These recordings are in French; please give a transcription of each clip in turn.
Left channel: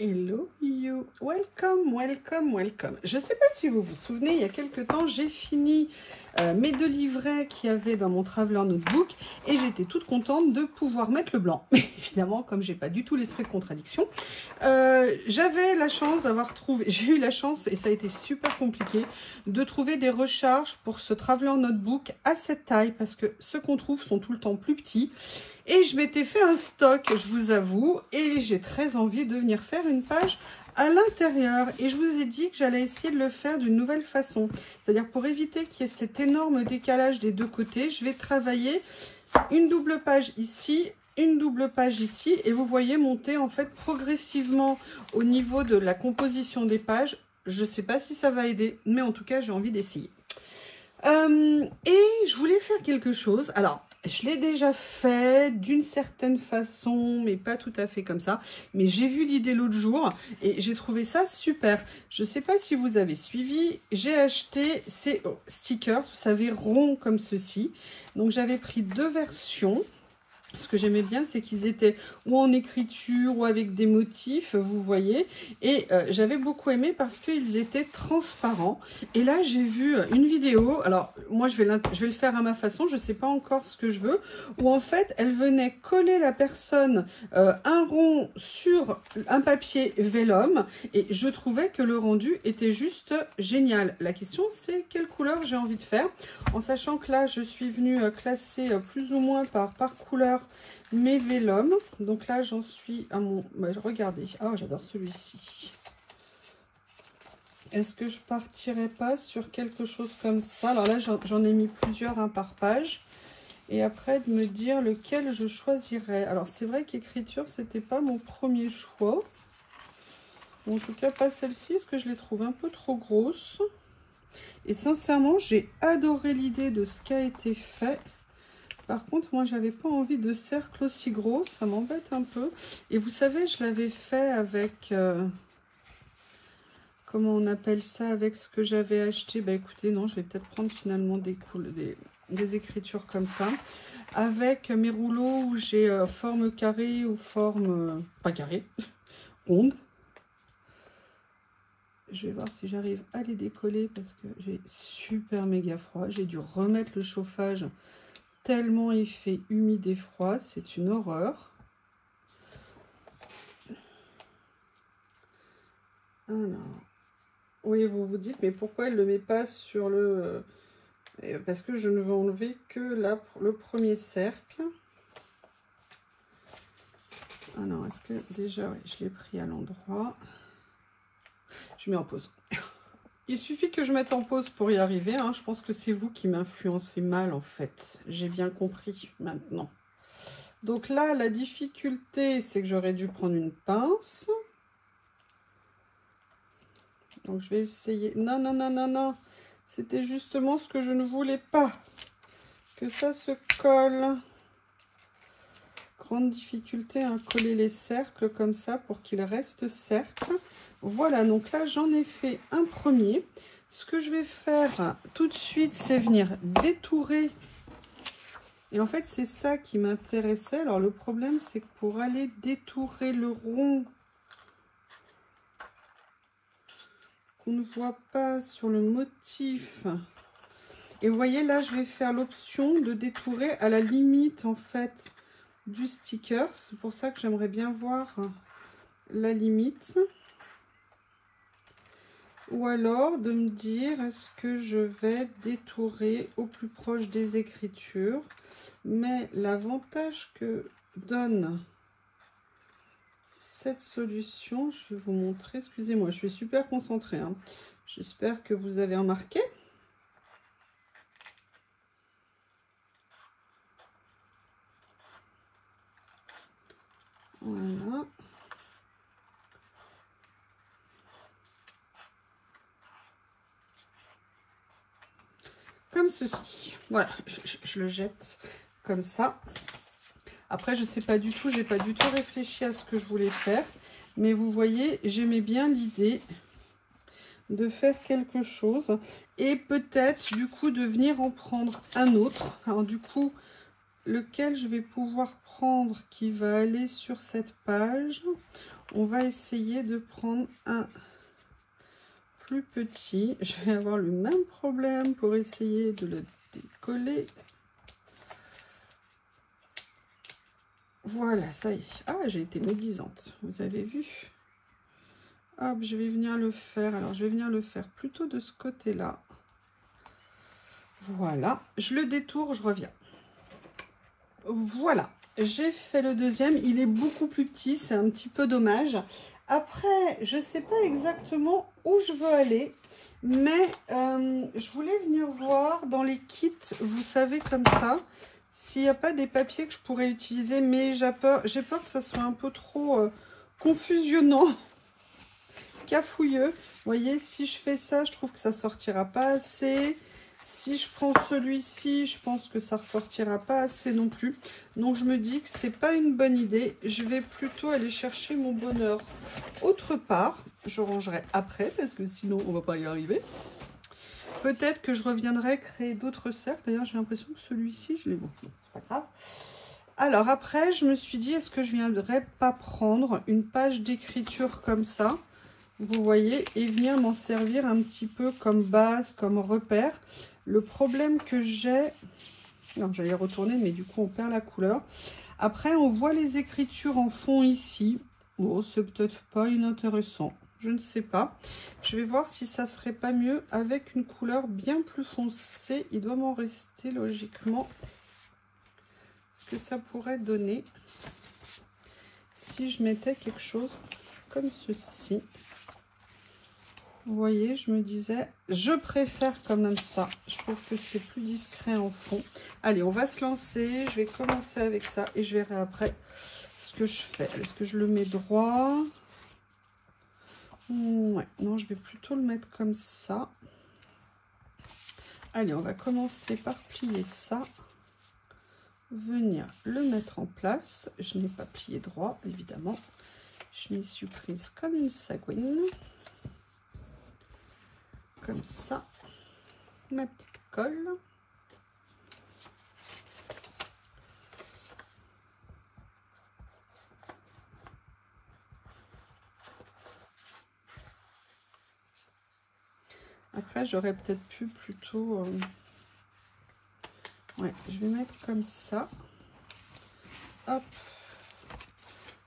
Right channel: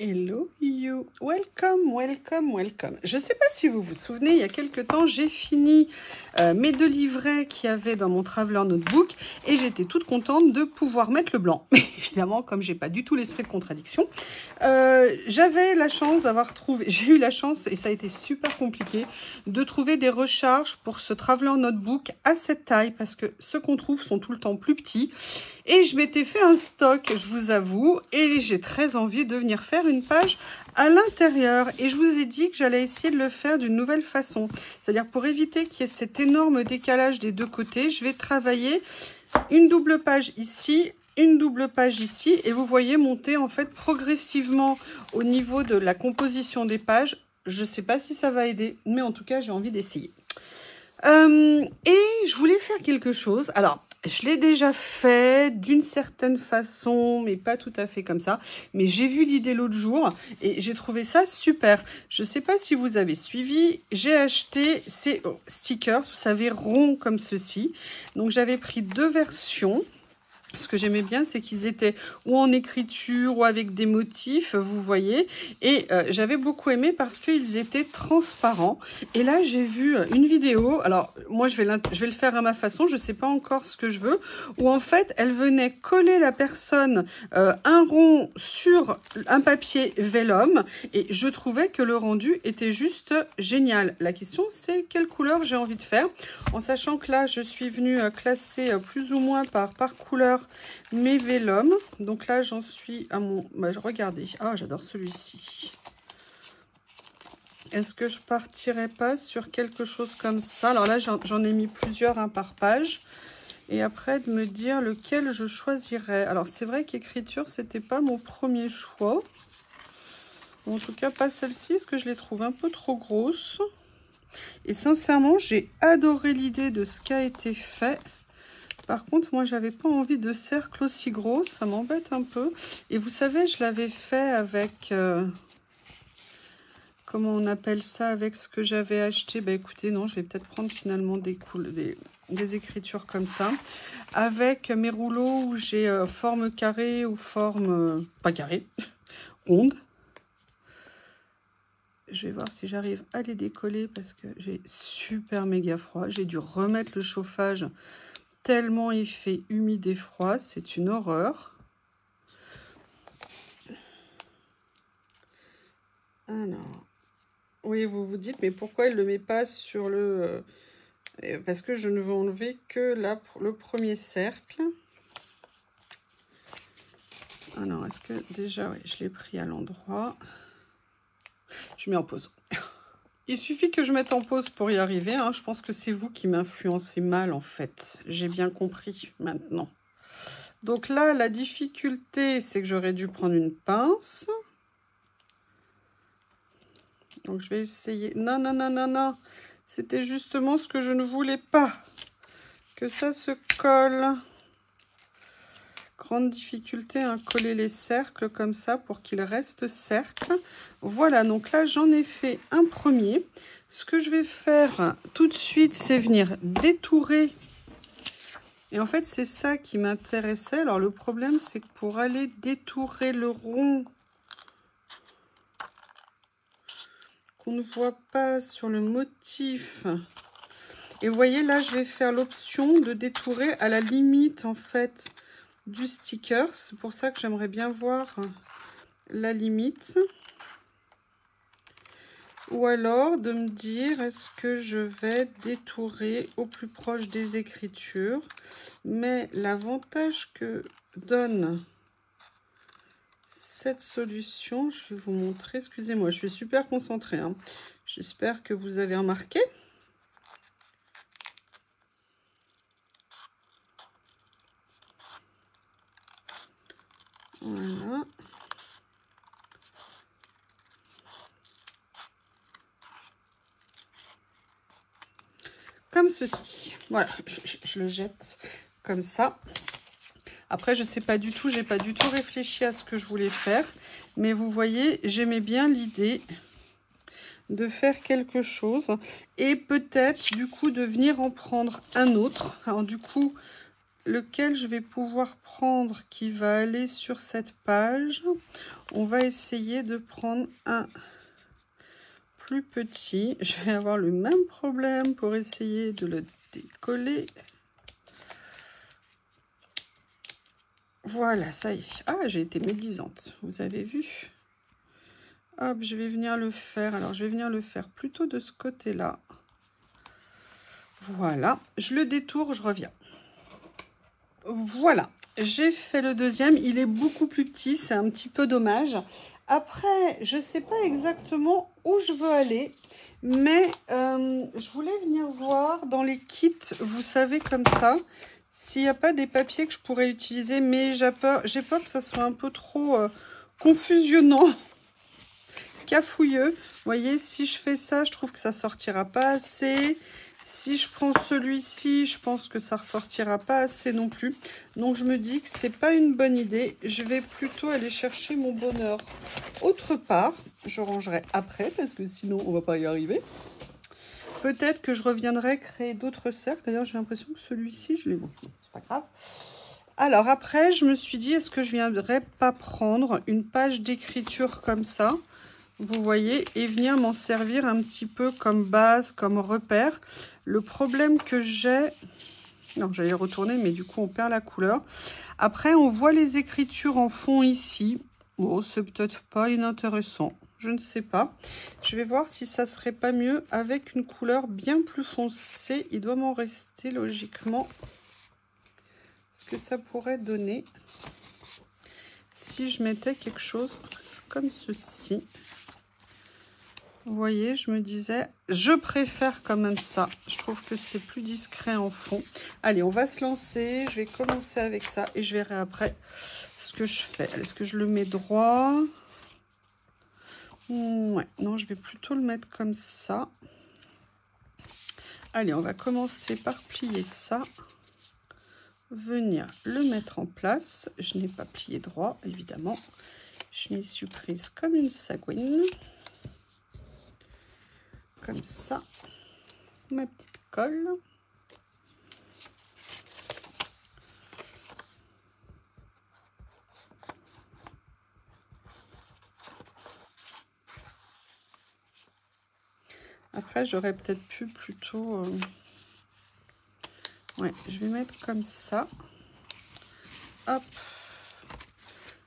Hello you, welcome, welcome, welcome. Je ne sais pas si vous vous souvenez, il y a quelques temps, j'ai fini mes 2 livrets qu'il y avait dans mon Traveler Notebook et j'étais toute contente de pouvoir mettre le blanc. Mais évidemment, comme j'ai pas du tout l'esprit de contradiction, j'avais la chance d'avoir trouvé, j'ai eu la chance et ça a été super compliqué de trouver des recharges pour ce Traveler Notebook à cette taille parce que ceux qu'on trouve sont tout le temps plus petits. Et je m'étais fait un stock, je vous avoue, et j'ai très envie de venir faire une page à l'intérieur. Et je vous ai dit que j'allais essayer de le faire d'une nouvelle façon. C'est-à-dire pour éviter qu'il y ait cet énorme décalage des deux côtés, je vais travailler une double page ici, une double page ici. Et vous voyez monter en fait progressivement au niveau de la composition des pages. Je ne sais pas si ça va aider, mais en tout cas, j'ai envie d'essayer. Et je voulais faire quelque chose. Alors, je l'ai déjà fait d'une certaine façon, mais pas tout à fait comme ça. Mais j'ai vu l'idée l'autre jour et j'ai trouvé ça super. Je ne sais pas si vous avez suivi. J'ai acheté ces stickers, vous savez, ronds comme ceci. Donc, j'avais pris 2 versions. Ce que j'aimais bien, c'est qu'ils étaient ou en écriture ou avec des motifs, vous voyez. Et j'avais beaucoup aimé parce qu'ils étaient transparents. Et là, j'ai vu une vidéo. Alors, moi, je vais le faire à ma façon. Je ne sais pas encore ce que je veux. Où en fait, elle venait coller la personne un rond sur un papier vélum. Et je trouvais que le rendu était juste génial. La question, c'est quelle couleur j'ai envie de faire. En sachant que là, je suis venue classer plus ou moins par couleur mes vélums. Donc là, j'en suis à mon... Bah, regardez. Ah, j'adore celui-ci. Est-ce que je partirais pas sur quelque chose comme ça? Alors là, j'en ai mis plusieurs par page. Et après, de me dire lequel je choisirais. Alors, c'est vrai qu'écriture, c'était pas mon premier choix. En tout cas, pas celle-ci, parce que je les trouve un peu trop grosses. Et sincèrement, j'ai adoré l'idée de ce qui a été fait. Par contre, moi, j'avais pas envie de cercle aussi gros. Ça m'embête un peu. Et vous savez, je l'avais fait avec... comment on appelle ça? Avec ce que j'avais acheté. Bah écoutez, non, je vais peut-être prendre finalement des écritures comme ça. Avec mes rouleaux où j'ai forme carrée ou forme... pas carrée, onde. Je vais voir si j'arrive à les décoller parce que j'ai super méga froid. J'ai dû remettre le chauffage tellement il fait humide et froid. C'est une horreur. Alors, oui, vous vous dites, mais pourquoi elle ne le met pas sur le... parce que je ne veux enlever que là, le premier cercle. Alors, est-ce que déjà, oui, je l'ai pris à l'endroit. Je mets en pause. Il suffit que je mette en pause pour y arriver. Hein. Je pense que c'est vous qui m'influencez mal, en fait. J'ai bien compris maintenant. Donc là, la difficulté, c'est que j'aurais dû prendre une pince. Donc, je vais essayer. Non, non, non, non, non. C'était justement ce que je ne voulais pas. Que ça se colle. Grande difficulté à coller les cercles comme ça pour qu'ils restent cercles. Voilà, donc là, j'en ai fait un premier. Ce que je vais faire tout de suite, c'est venir détourer. Et en fait, c'est ça qui m'intéressait. Alors, le problème, c'est que pour aller détourer le rond qu'on ne voit pas sur le motif. Et vous voyez, là, je vais faire l'option de détourer à la limite, en fait, du sticker. C'est pour ça que j'aimerais bien voir la limite. Ou alors de me dire, est-ce que je vais détourer au plus proche des écritures? Mais l'avantage que donne cette solution, je vais vous montrer, excusez-moi, je suis super concentrée, hein. J'espère que vous avez remarqué. Voilà. Comme ceci. Voilà, je le jette comme ça. Après, je sais pas du tout, j'ai pas du tout réfléchi à ce que je voulais faire. Mais vous voyez, j'aimais bien l'idée de faire quelque chose. Et peut-être, du coup, de venir en prendre un autre. Alors, du coup, lequel je vais pouvoir prendre qui va aller sur cette page. On va essayer de prendre un plus petit. Je vais avoir le même problème pour essayer de le décoller. Voilà, ça y est. Ah, j'ai été médisante, vous avez vu? Hop, je vais venir le faire. Alors, je vais venir le faire plutôt de ce côté-là. Voilà, je le détourne, je reviens. Voilà, j'ai fait le deuxième. Il est beaucoup plus petit, c'est un petit peu dommage. Après, je ne sais pas exactement où je veux aller, mais je voulais venir voir dans les kits, vous savez, comme ça, s'il n'y a pas des papiers que je pourrais utiliser, mais j'ai peur que ça soit un peu trop confusionnant, cafouilleux. Vous voyez, si je fais ça, je trouve que ça sortira pas assez. Si je prends celui-ci, je pense que ça ne ressortira pas assez non plus. Donc, je me dis que c'est pas une bonne idée. Je vais plutôt aller chercher mon bonheur autre part. Je rangerai après parce que sinon, on ne va pas y arriver. Peut-être que je reviendrai créer d'autres cercles. D'ailleurs, j'ai l'impression que celui-ci, je l'ai bon. C'est pas grave. Alors, après, je me suis dit, est-ce que je ne viendrais pas prendre une page d'écriture comme ça, vous voyez, et venir m'en servir un petit peu comme base, comme repère. Le problème que j'ai... Non, j'allais retourner, mais du coup, on perd la couleur. Après, on voit les écritures en fond ici. Bon, c'est peut-être pas inintéressant. Je ne sais pas. Je vais voir si ça serait pas mieux avec une couleur bien plus foncée. Il doit m'en rester logiquement. Ce que ça pourrait donner si je mettais quelque chose comme ceci. Vous voyez, je me disais, je préfère quand même ça. Je trouve que c'est plus discret en fond. Allez, on va se lancer. Je vais commencer avec ça et je verrai après ce que je fais. Est-ce que je le mets droit? Ouais, non, je vais plutôt le mettre comme ça. Allez, on va commencer par plier ça. Venir le mettre en place. Je n'ai pas plié droit, évidemment. Je m'y suis prise comme une sagouine. Comme ça, ma petite colle. Après, j'aurais peut-être pu plutôt... Ouais, je vais mettre comme ça. Hop.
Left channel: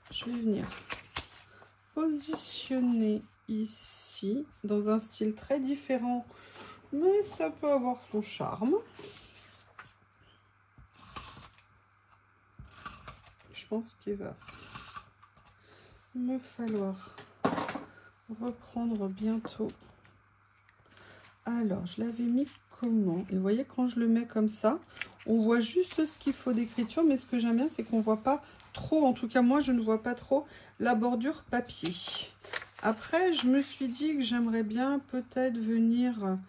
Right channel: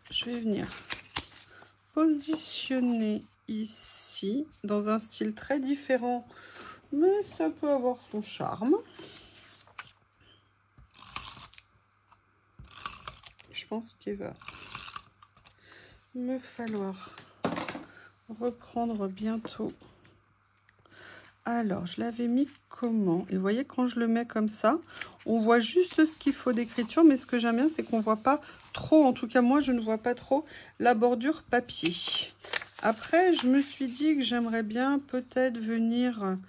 Je vais venir positionner ici, dans un style très différent, mais ça peut avoir son charme. Je pense qu'il va me falloir reprendre bientôt. Alors, je l'avais mis comment? Et vous voyez, quand je le mets comme ça, on voit juste ce qu'il faut d'écriture, mais ce que j'aime bien, c'est qu'on ne voit pas trop, en tout cas moi, je ne vois pas trop la bordure papier. Après, je me suis dit que j'aimerais bien peut-être venir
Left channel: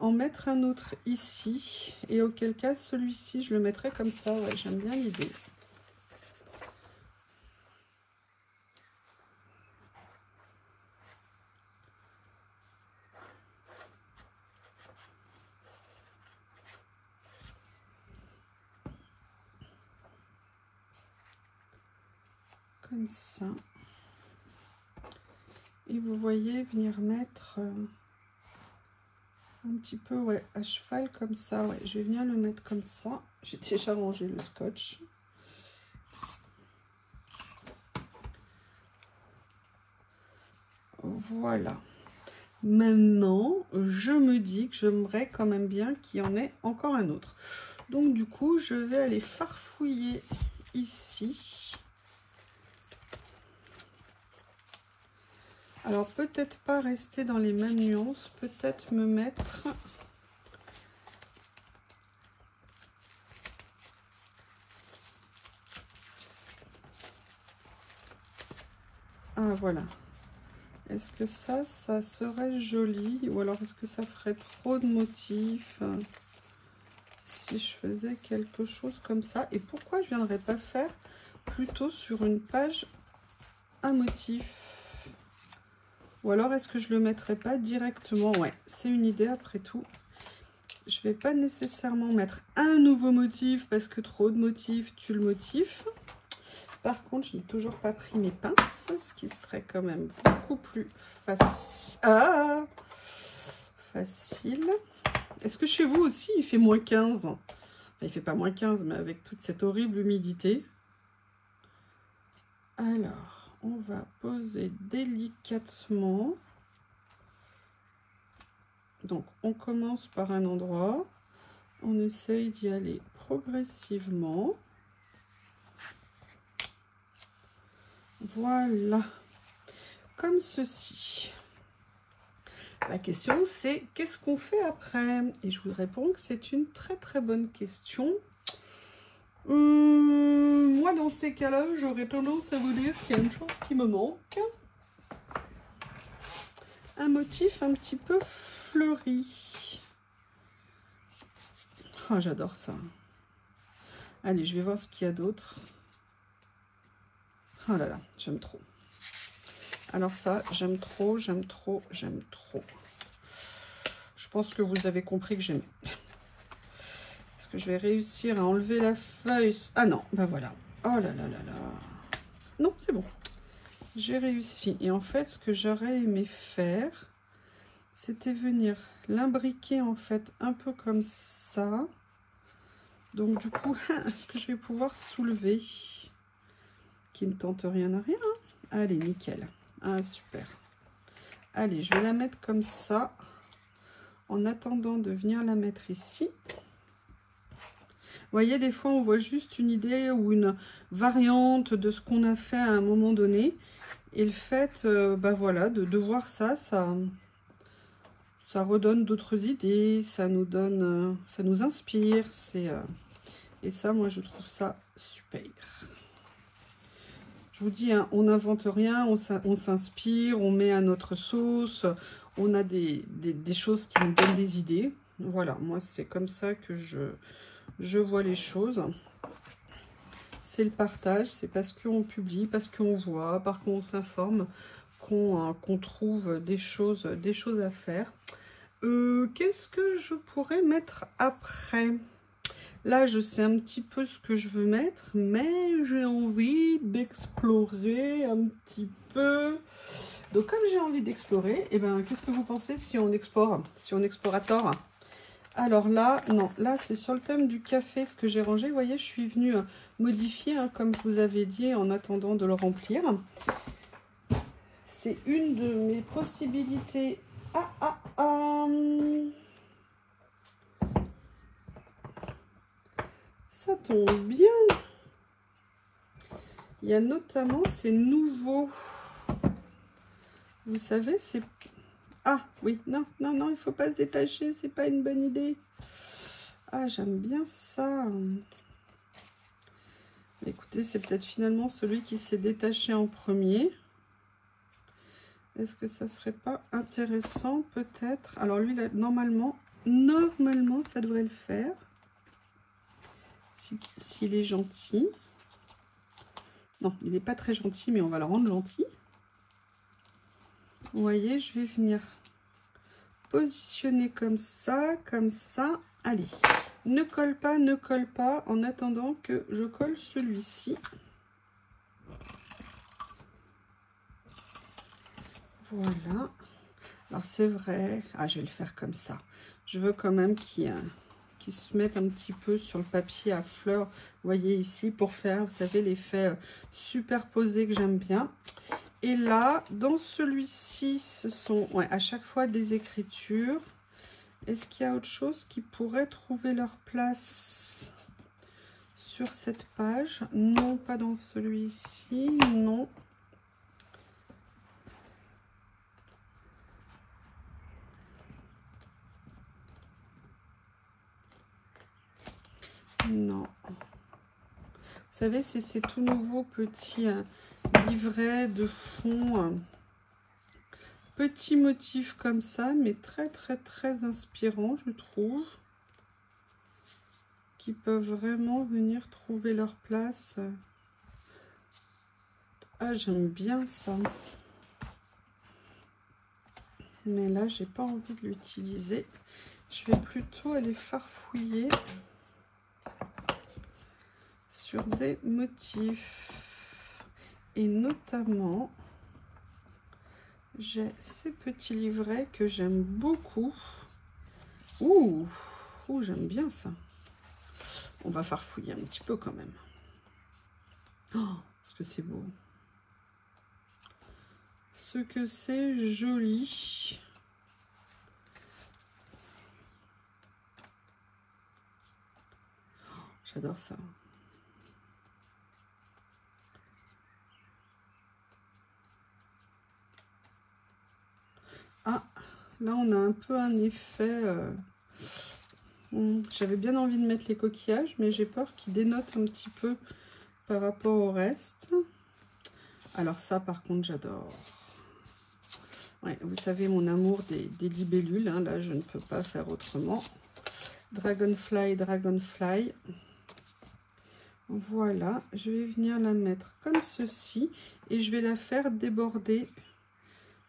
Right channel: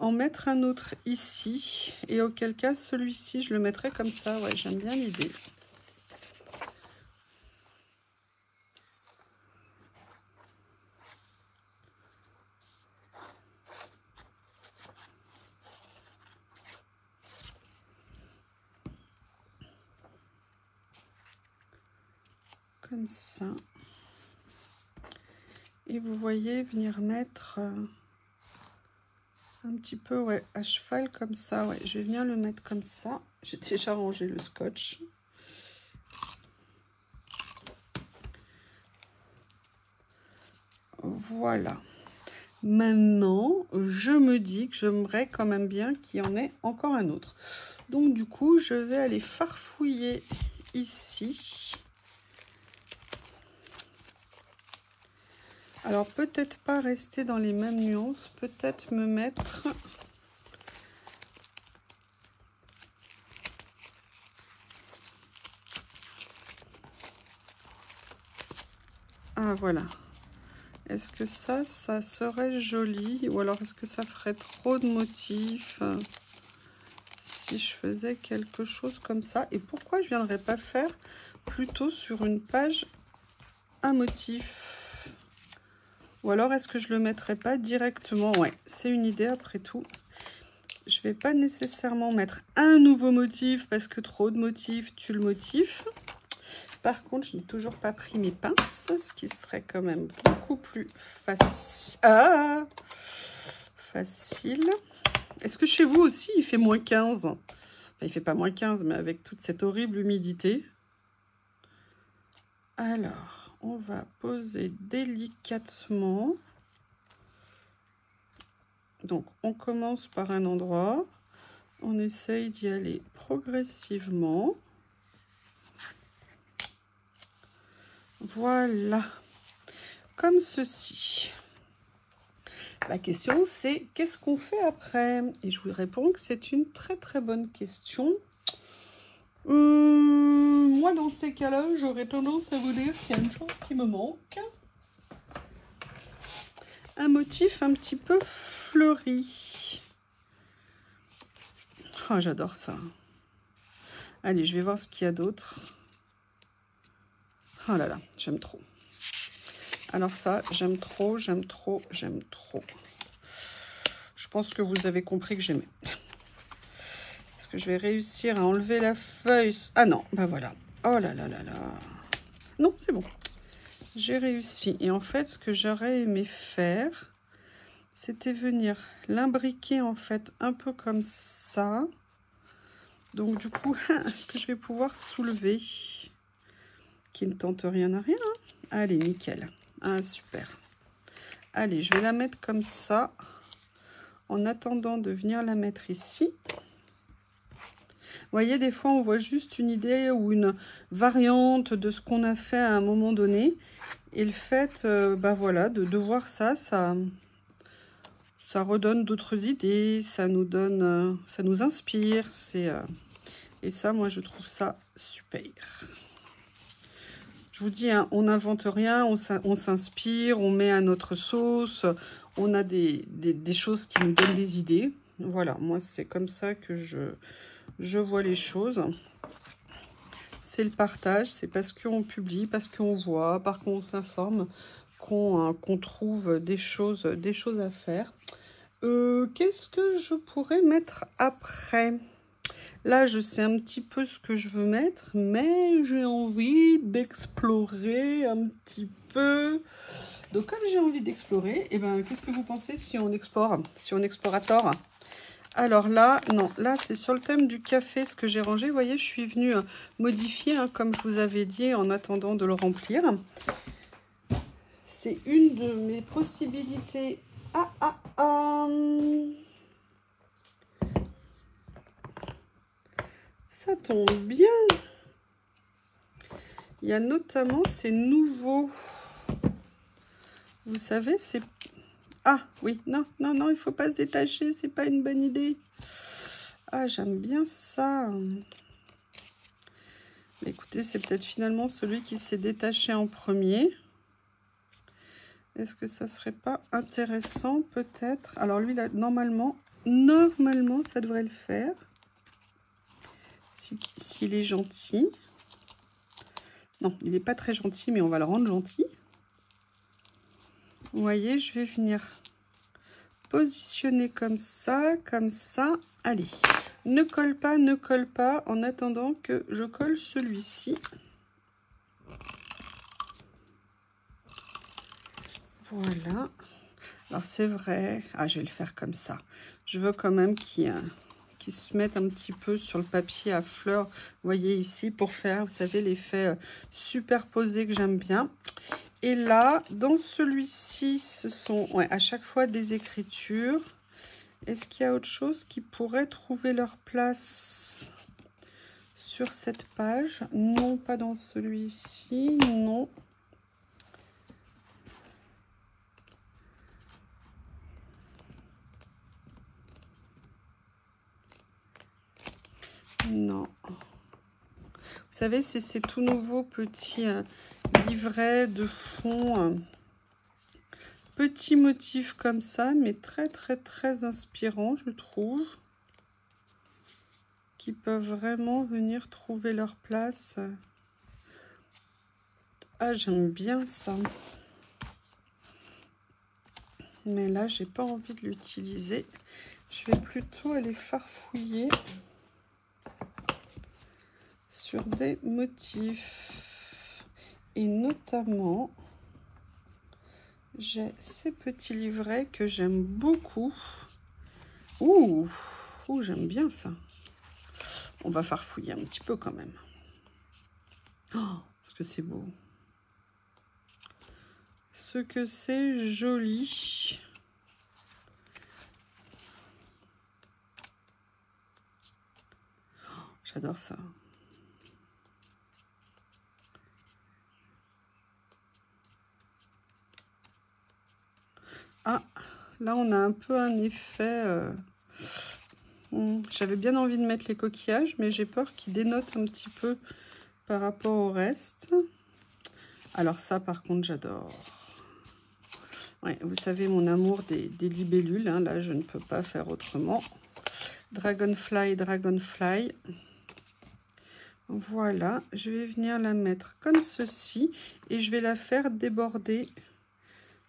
en mettre un autre ici. Et auquel cas, celui-ci, je le mettrai comme ça. Ouais, j'aime bien l'idée. Comme ça. Et vous voyez, venir mettre un petit peu, ouais, à cheval comme ça. Ouais, je vais venir le mettre comme ça. J'ai déjà rangé le scotch. Voilà. Maintenant, je me dis que j'aimerais quand même bien qu'il y en ait encore un autre. Donc, du coup, je vais aller farfouiller ici. Alors, peut-être pas rester dans les mêmes nuances, peut-être me mettre... Ah, voilà. Est-ce que ça serait joli? Ou alors, est-ce que ça ferait trop de motifs si je faisais quelque chose comme ça? Et pourquoi je ne viendrais pas faire plutôt sur une page un motif? Ou alors, est-ce que je le mettrais pas directement? Ouais, c'est une idée après tout. Je ne vais pas nécessairement mettre un nouveau motif parce que trop de motifs tue le motif. Par contre, je n'ai toujours pas pris mes pinces, ce qui serait quand même beaucoup plus facile. Ah, facile. Est-ce que chez vous aussi, il fait moins 15? Enfin, il ne fait pas moins 15, mais avec toute cette horrible humidité. Alors, on va poser délicatement. Donc, on commence par un endroit. On essaye d'y aller progressivement. Voilà. Comme ceci. La question, c'est qu'est-ce qu'on fait après? Et je vous réponds que c'est une très très bonne question. Moi, dans ces cas-là, j'aurais tendance à vous dire qu'il y a une chose qui me manque. Un motif un petit peu fleuri. Oh, j'adore ça. Allez, je vais voir ce qu'il y a d'autre. Oh là là, j'aime trop. Alors ça, j'aime trop, j'aime trop, j'aime trop. Je pense que vous avez compris que j'aime. Est-ce que je vais réussir à enlever la feuille? Ah non, ben voilà. Oh là là là là. Non, c'est bon. J'ai réussi. Et en fait, ce que j'aurais aimé faire, c'était venir l'imbriquer en fait un peu comme ça. Donc du coup, est-ce que je vais pouvoir soulever? Qui ne tente rien à rien. Allez, nickel. Ah, super. Allez, je vais la mettre comme ça. En attendant de venir la mettre ici. Vous voyez, des fois, on voit juste une idée ou une variante de ce qu'on a fait à un moment donné. Et le fait, bah voilà, de voir ça, ça redonne d'autres idées, ça nous donne, ça nous inspire. Et ça, moi, je trouve ça super. Je vous dis, hein, on n'invente rien, on s'inspire, on met à notre sauce, on a des choses qui nous donnent des idées. Voilà, moi, c'est comme ça que je vois les choses. C'est le partage, c'est parce qu'on publie, parce qu'on voit, parce qu'on s'informe, qu'on trouve des choses à faire. Qu'est-ce que je pourrais mettre après? Là, je sais un petit peu ce que je veux mettre, mais j'ai envie d'explorer un petit peu. Donc, comme j'ai envie d'explorer, eh ben, qu'est-ce que vous pensez si on explore, si on explorator? Alors là, non, là, c'est sur le thème du café, ce que j'ai rangé. Vous voyez, je suis venue modifier, hein, comme je vous avais dit, en attendant de le remplir. C'est une de mes possibilités. Ça tombe bien. Il y a notamment ces nouveaux. Vous savez, c'est... Ah, oui, non, non, non, il ne faut pas se détacher, c'est pas une bonne idée. Ah, j'aime bien ça. Écoutez, c'est peut-être finalement celui qui s'est détaché en premier. Est-ce que ça serait pas intéressant, peut-être? Alors lui, là, normalement, ça devrait le faire. S'il est gentil. Non, il n'est pas très gentil, mais on va le rendre gentil. Vous voyez, je vais venir positionner comme ça, comme ça. Allez, ne colle pas, en attendant que je colle celui-ci. Voilà. Alors, c'est vrai. Ah, je vais le faire comme ça. Je veux quand même qu'il se mette un petit peu sur le papier à fleurs. Vous voyez ici, pour faire, vous savez, l'effet superposé que j'aime bien. Et là, dans celui-ci, ce sont à chaque fois des écritures. Est-ce qu'il y a autre chose qui pourrait trouver leur place sur cette page? Non, pas dans celui-ci, non. Non. Vous savez, c'est ces tout nouveaux petits livrets de fond. Petits motifs comme ça, mais très, très, très inspirants, je trouve. Qui peuvent vraiment venir trouver leur place. Ah, j'aime bien ça. Mais là, j'ai pas envie de l'utiliser. je vais plutôt aller farfouiller sur des motifs. Et notamment, j'ai ces petits livrets que j'aime beaucoup. Ouh, j'aime bien ça. On va farfouiller un petit peu quand même. Oh, est-ce que c'est beau? Ce que c'est joli. J'adore ça. Ah, là on a un peu un effet... j'avais bien envie de mettre les coquillages, mais j'ai peur qu'ils dénotent un petit peu par rapport au reste. Alors ça, par contre, j'adore. Ouais, vous savez mon amour des libellules, hein, là je ne peux pas faire autrement. Dragonfly, Dragonfly. Voilà, je vais venir la mettre comme ceci et je vais la faire déborder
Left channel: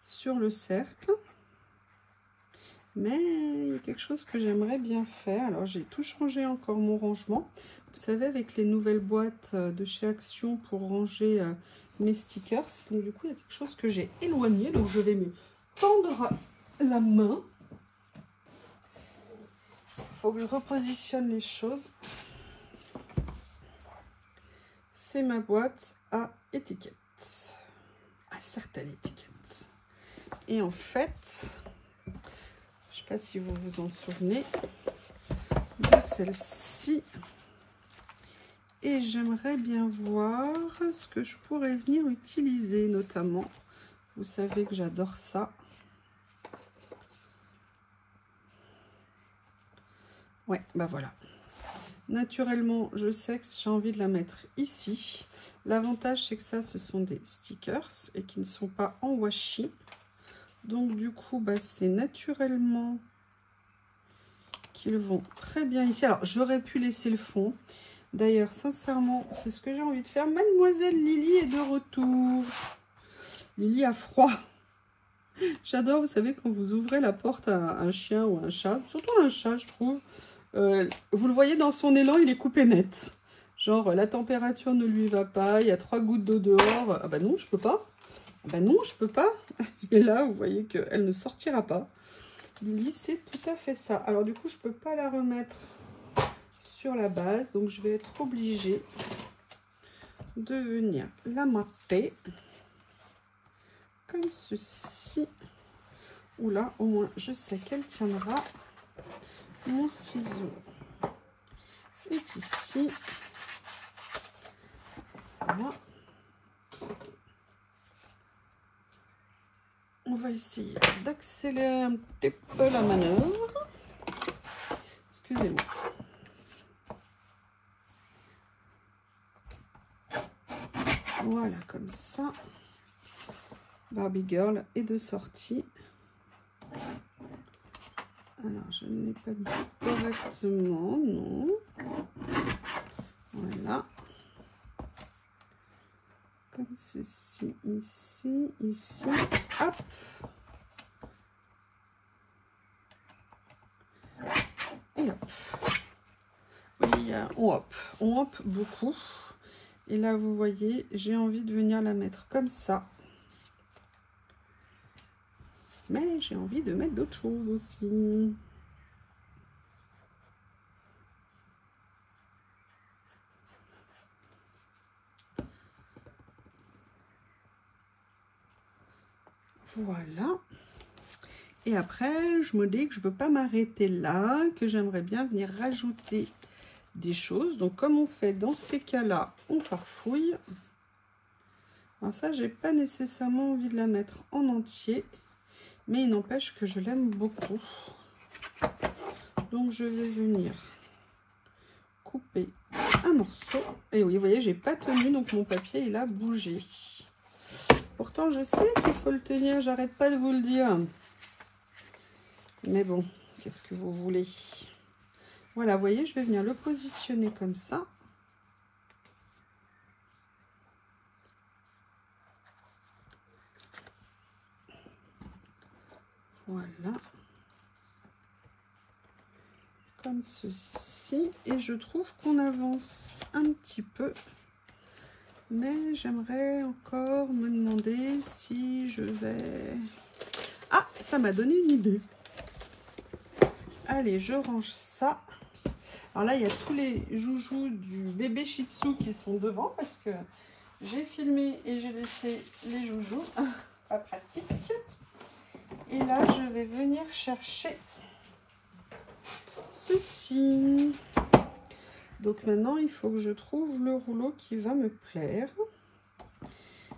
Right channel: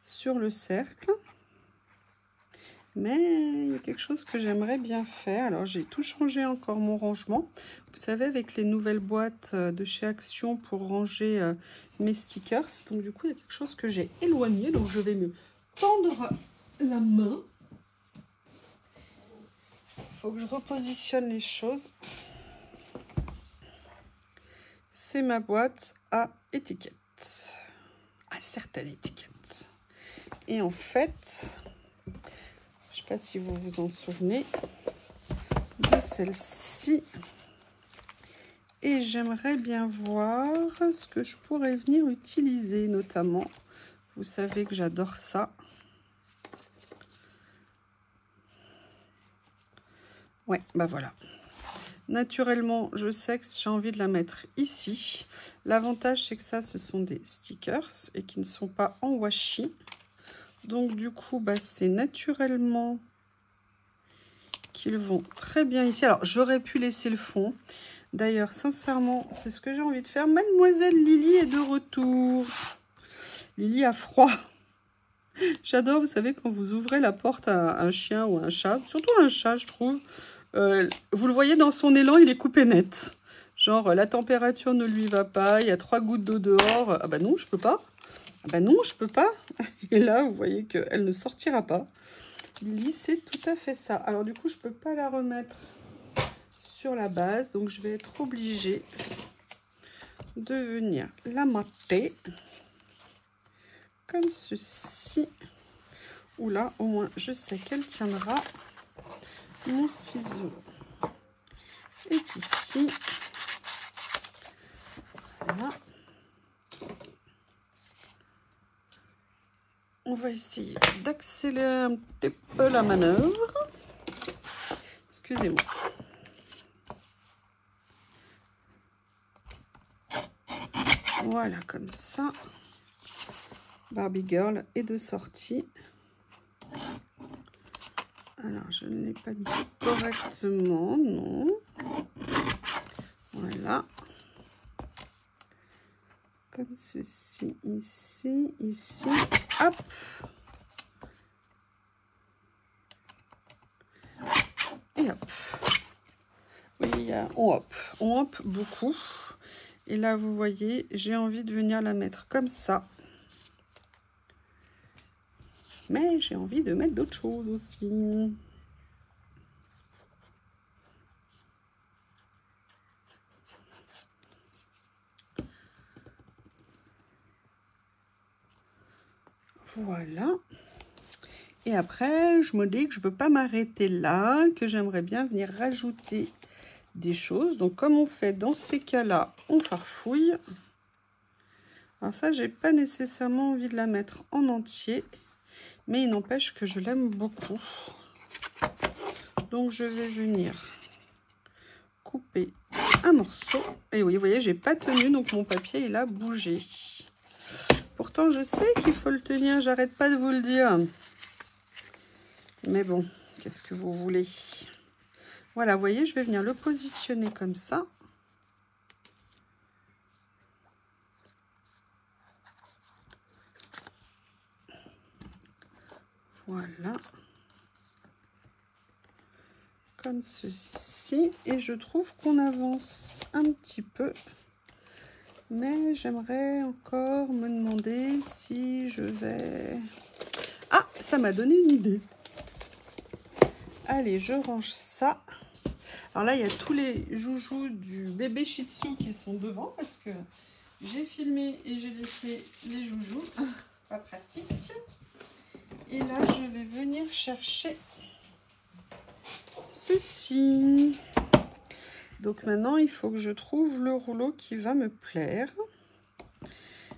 sur le cercle. Mais il y a quelque chose que j'aimerais bien faire. Alors j'ai tout changé encore mon rangement. Vous savez, avec les nouvelles boîtes de chez Action pour ranger mes stickers. Donc du coup, il y a quelque chose que j'ai éloigné. Donc je vais me tendre la main. Il faut que je repositionne les choses. C'est ma boîte à étiquettes. À certaines étiquettes. Et en fait, je ne sais pas si vous vous en souvenez de celle-ci. Et j'aimerais bien voir ce que je pourrais venir utiliser, notamment. Vous savez que j'adore ça. Ouais, bah voilà. Naturellement, je sais que j'ai envie de la mettre ici. L'avantage, c'est que ça, ce sont des stickers et qui ne sont pas en washi. Donc, du coup, bah, c'est naturellement qu'ils vont très bien ici. Alors, j'aurais pu laisser le fond. D'ailleurs, sincèrement, c'est ce que j'ai envie de faire. Mademoiselle Lily est de retour. Lily a froid. J'adore, vous savez, quand vous ouvrez la porte à un chien ou un chat, surtout un chat, je trouve, vous le voyez dans son élan, il est coupé net. Genre, la température ne lui va pas, il y a 3 gouttes d'eau dehors. Ah bah non, je peux pas. Ah bah non, je peux pas. Et là, vous voyez qu'elle ne sortira pas. Lily, c'est tout à fait ça. Alors du coup, je peux pas la remettre sur la base, donc je vais être obligée de venir la mater comme ceci. Ou là, au moins, je sais qu'elle tiendra. Mon ciseau est ici. Voilà. On va essayer d'accélérer un petit peu la manœuvre. Excusez-moi. Voilà, comme ça. Barbie Girl est de sortie. Alors, je ne l'ai pas dit correctement, non. Voilà. Comme ceci, ici, ici. Hop. Et hop. Oui, on hop beaucoup. Et là, vous voyez, j'ai envie de venir la mettre comme ça. Mais j'ai envie de mettre d'autres choses aussi. Voilà. Et après, je me dis que je ne veux pas m'arrêter là, que j'aimerais bien venir rajouter des choses. Donc, comme on fait dans ces cas-là, on farfouille. Alors ça, j'ai pas nécessairement envie de la mettre en entier. Mais il n'empêche que je l'aime beaucoup. Donc, je vais venir couper un morceau. Et oui, vous voyez, j'ai pas tenu, donc mon papier, il a bougé. Pourtant, je sais qu'il faut le tenir, j'arrête pas de vous le dire. Mais bon, qu'est-ce que vous voulez? Voilà, vous voyez, je vais venir le positionner comme ça. Voilà. comme ceci. Et je trouve qu'on avance un petit peu. Mais j'aimerais encore me demander si je vais... Ah, ça m'a donné une idée. Allez, je range ça. Alors là, il y a tous les joujoux du bébé Shih Tzu qui sont devant parce que j'ai filmé et j'ai laissé les joujoux. Pas pratique. Et là, je vais venir chercher ceci. Donc maintenant, il faut que je trouve le rouleau qui va me plaire.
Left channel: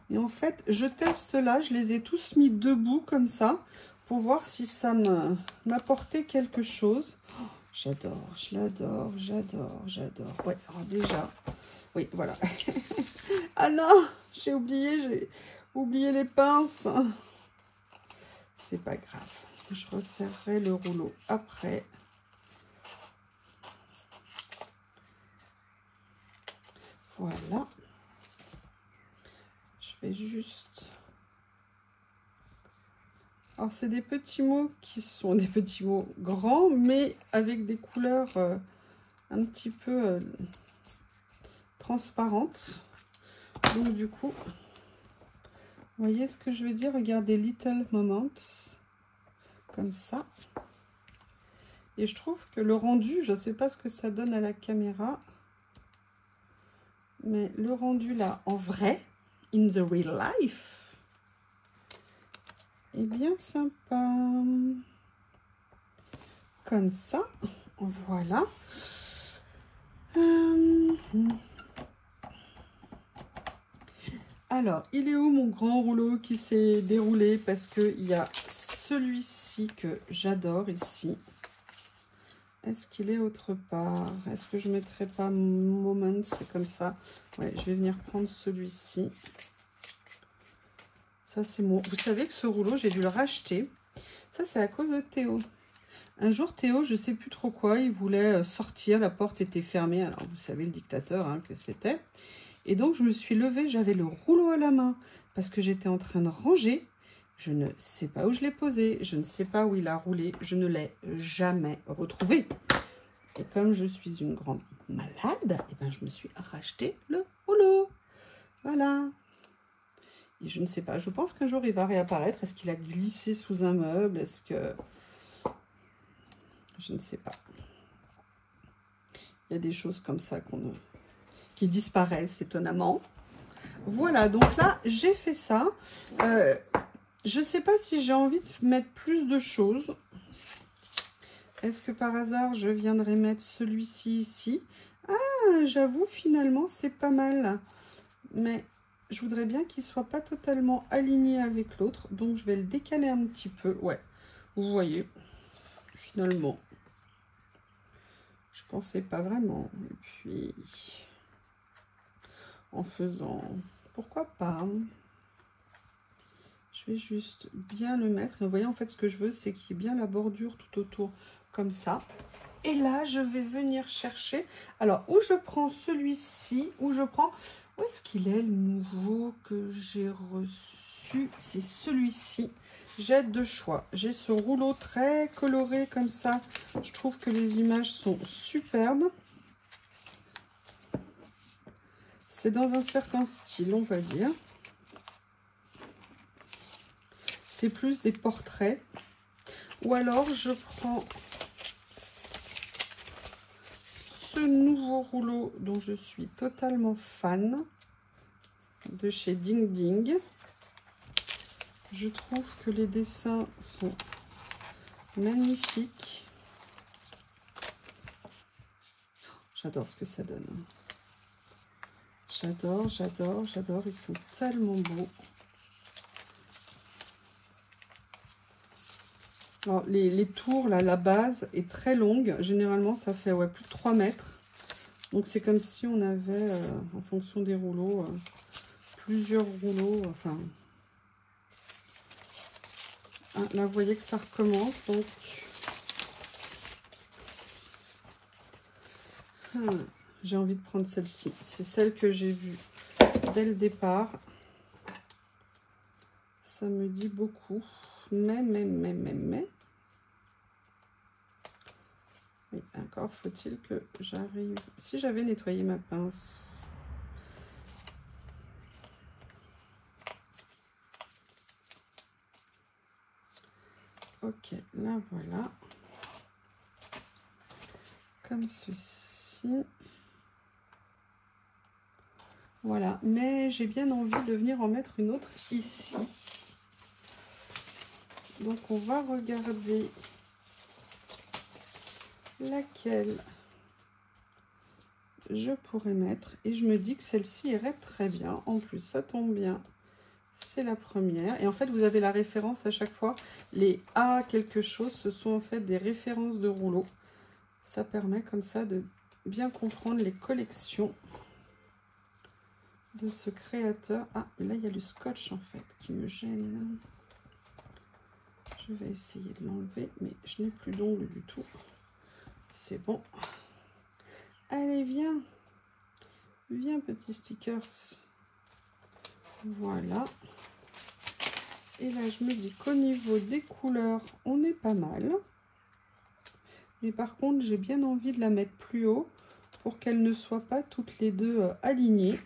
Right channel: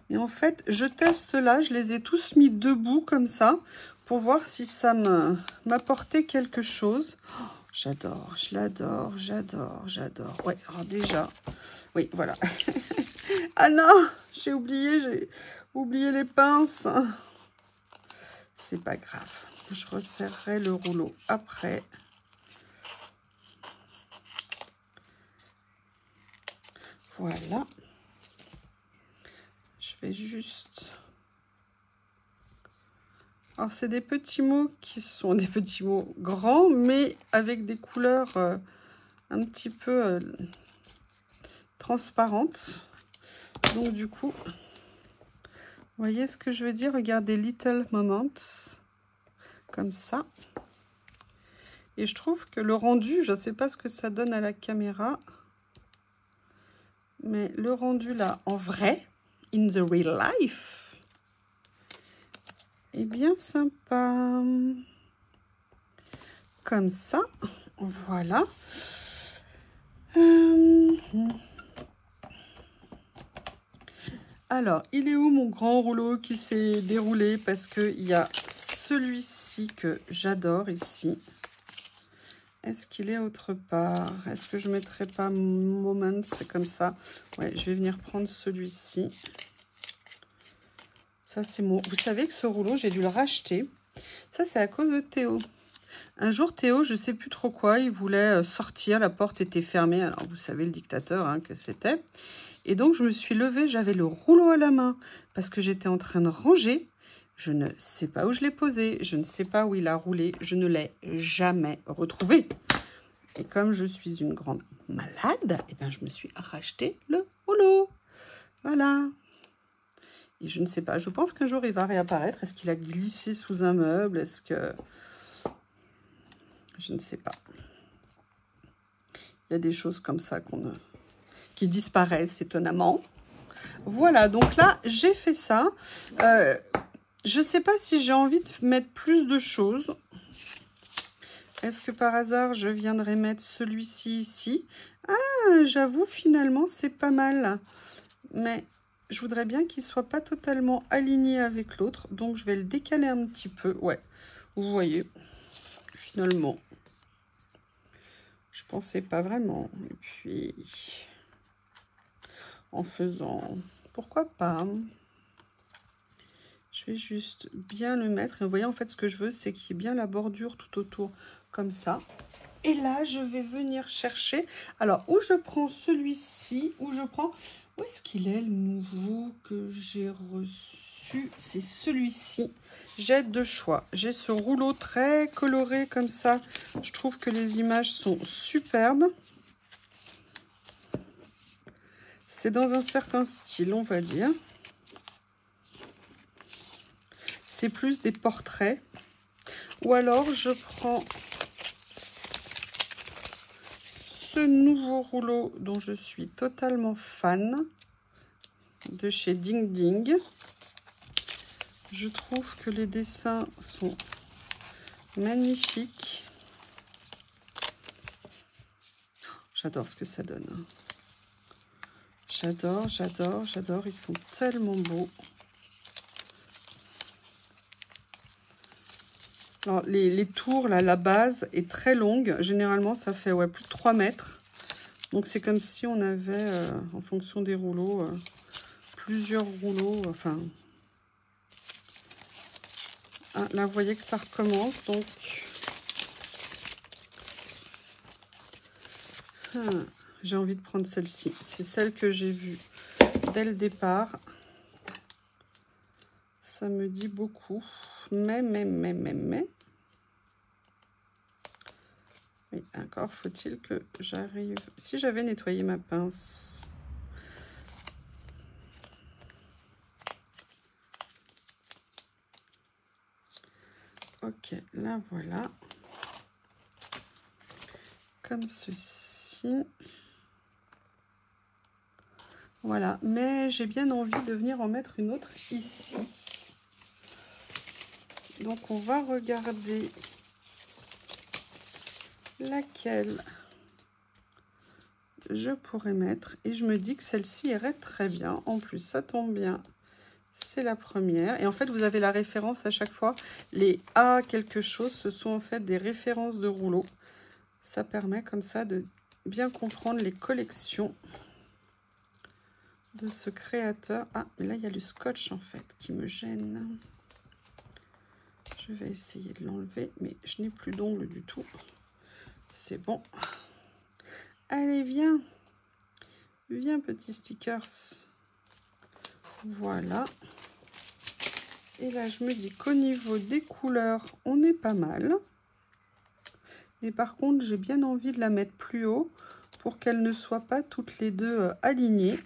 Et en fait, je teste là, je les ai tous mis debout comme ça pour voir si ça m'apportait quelque chose. Oh, j'adore, je l'adore, j'adore, j'adore. Ouais, alors déjà, oui, voilà. Ah non, j'ai oublié les pinces. C'est pas grave, je resserrerai le rouleau après. Voilà. Je vais juste... Alors, c'est des petits mots qui sont des petits mots grands, mais avec des couleurs un petit peu transparentes. Donc, du coup, vous voyez ce que je veux dire? Regardez, Little Moments, comme ça. Et je trouve que le rendu, je ne sais pas ce que ça donne à la caméra, mais le rendu là, en vrai, in the real life, est bien sympa. Comme ça, voilà. Alors, il est où mon grand rouleau qui s'est déroulé? Parce qu'il y a celui-ci que j'adore ici. Est-ce qu'il est autre part? Est-ce que je ne mettrai pas Moments comme ça? Ouais, je vais venir prendre celui-ci. Ça, c'est mon... Vous savez que ce rouleau, j'ai dû le racheter. Ça, c'est à cause de Théo. Un jour, Théo, je ne sais plus trop quoi, il voulait sortir, la porte était fermée. Alors, vous savez, le dictateur hein, que c'était. Et donc, je me suis levée, j'avais le rouleau à la main parce que j'étais en train de ranger. Je ne sais pas où je l'ai posé, je ne sais pas où il a roulé, je ne l'ai jamais retrouvé. Et comme je suis une grande malade, eh ben, je me suis racheté le rouleau. Voilà. Et je ne sais pas, je pense qu'un jour, il va réapparaître. Est-ce qu'il a glissé sous un meuble? Est-ce que... Je ne sais pas. Il y a des choses comme ça qui disparaissent étonnamment. Voilà, donc là, j'ai fait ça. Je ne sais pas si j'ai envie de mettre plus de choses. Est-ce que par hasard, je viendrai mettre celui-ci ici? Ah, j'avoue, finalement, c'est pas mal. Mais je voudrais bien qu'il ne soit pas totalement aligné avec l'autre. Donc, je vais le décaler un petit peu. Ouais, vous voyez, finalement, je pensais pas vraiment. Et puis, en faisant, pourquoi pas? Je vais juste bien le mettre. Et vous voyez, en fait, ce que je veux, c'est qu'il y ait bien la bordure tout autour, comme ça. Et là, je vais venir chercher. Alors, où je prends celui-ci, où est-ce qu'il est, le nouveau que j'ai reçu? C'est celui-ci. J'ai deux choix. J'ai ce rouleau très coloré, comme ça. Je trouve que les images sont superbes. C'est dans un certain style, on va dire. C'est plus des portraits. Ou alors, je prends ce nouveau rouleau dont je suis totalement fan, de chez Ding Ding. Je trouve que les dessins sont magnifiques. J'adore ce que ça donne. J'adore, j'adore, j'adore. Ils sont tellement beaux. Alors, les tours, là, la base est très longue. Généralement, ça fait ouais, plus de 3 mètres. Donc, c'est comme si on avait, en fonction des rouleaux, plusieurs rouleaux. Enfin, ah, là, vous voyez que ça recommence. Donc, j'ai envie de prendre celle-ci. C'est celle que j'ai vue dès le départ. Ça me dit beaucoup. Mais. Oui, encore faut-il que j'arrive... Si j'avais nettoyé ma pince. Ok, là voilà. Comme ceci. Voilà, mais j'ai bien envie de venir en mettre une autre ici. Donc on va regarder laquelle je pourrais mettre. Et je me dis que celle-ci irait très bien. En plus, ça tombe bien. C'est la première. Et en fait, vous avez la référence à chaque fois. Les A quelque chose, ce sont en fait des références de rouleaux. Ça permet comme ça de bien comprendre les collections de ce créateur. Ah, mais là, il y a le scotch en fait qui me gêne. Je vais essayer de l'enlever, mais je n'ai plus d'ongles du tout. C'est bon. Allez, viens. Viens, petit stickers. Voilà. Et là, je me dis qu'au niveau des couleurs, on est pas mal. Mais par contre, j'ai bien envie de la mettre plus haut pour qu'elles ne soient pas toutes les deux alignées.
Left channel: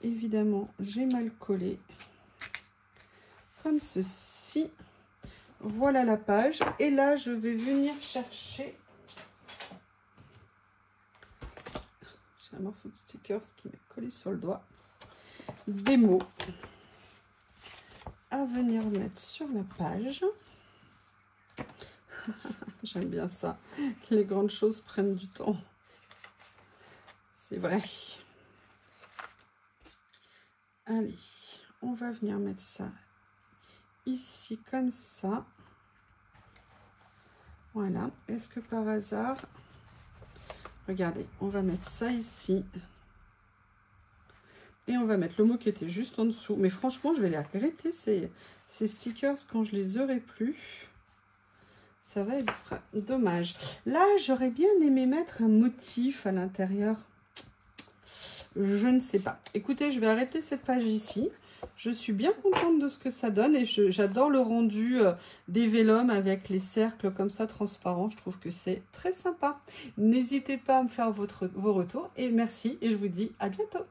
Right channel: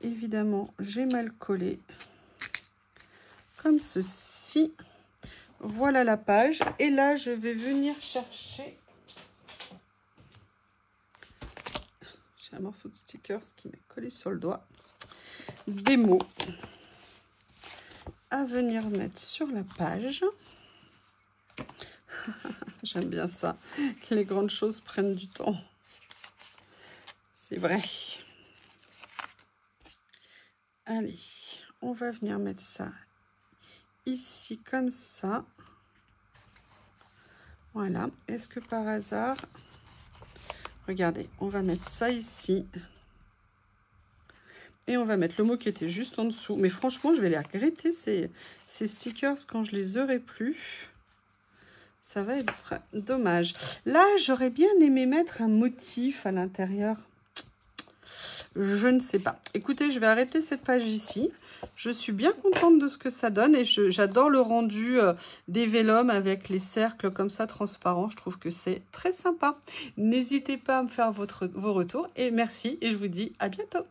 Évidemment, j'ai mal collé. Comme ceci. Voilà la page. Et là, je vais venir chercher... J'ai un morceau de stickers qui m'est collé sur le doigt. Des mots à venir mettre sur la page. J'aime bien ça, que les grandes choses prennent du temps. C'est vrai. Allez, on va venir mettre ça ici comme ça. Voilà. Est-ce que par hasard... Regardez, on va mettre ça ici. Et on va mettre le mot qui était juste en dessous. Mais franchement, je vais les regretter, ces stickers, quand je les aurai plus. Ça va être dommage. Là, j'aurais bien aimé mettre un motif à l'intérieur. Je ne sais pas. Écoutez, je vais arrêter cette page ici. Je suis bien contente de ce que ça donne. Et j'adore le rendu des vélums avec les cercles comme ça transparents. Je trouve que c'est très sympa. N'hésitez pas à me faire vos retours. Et merci. Et je vous dis à bientôt.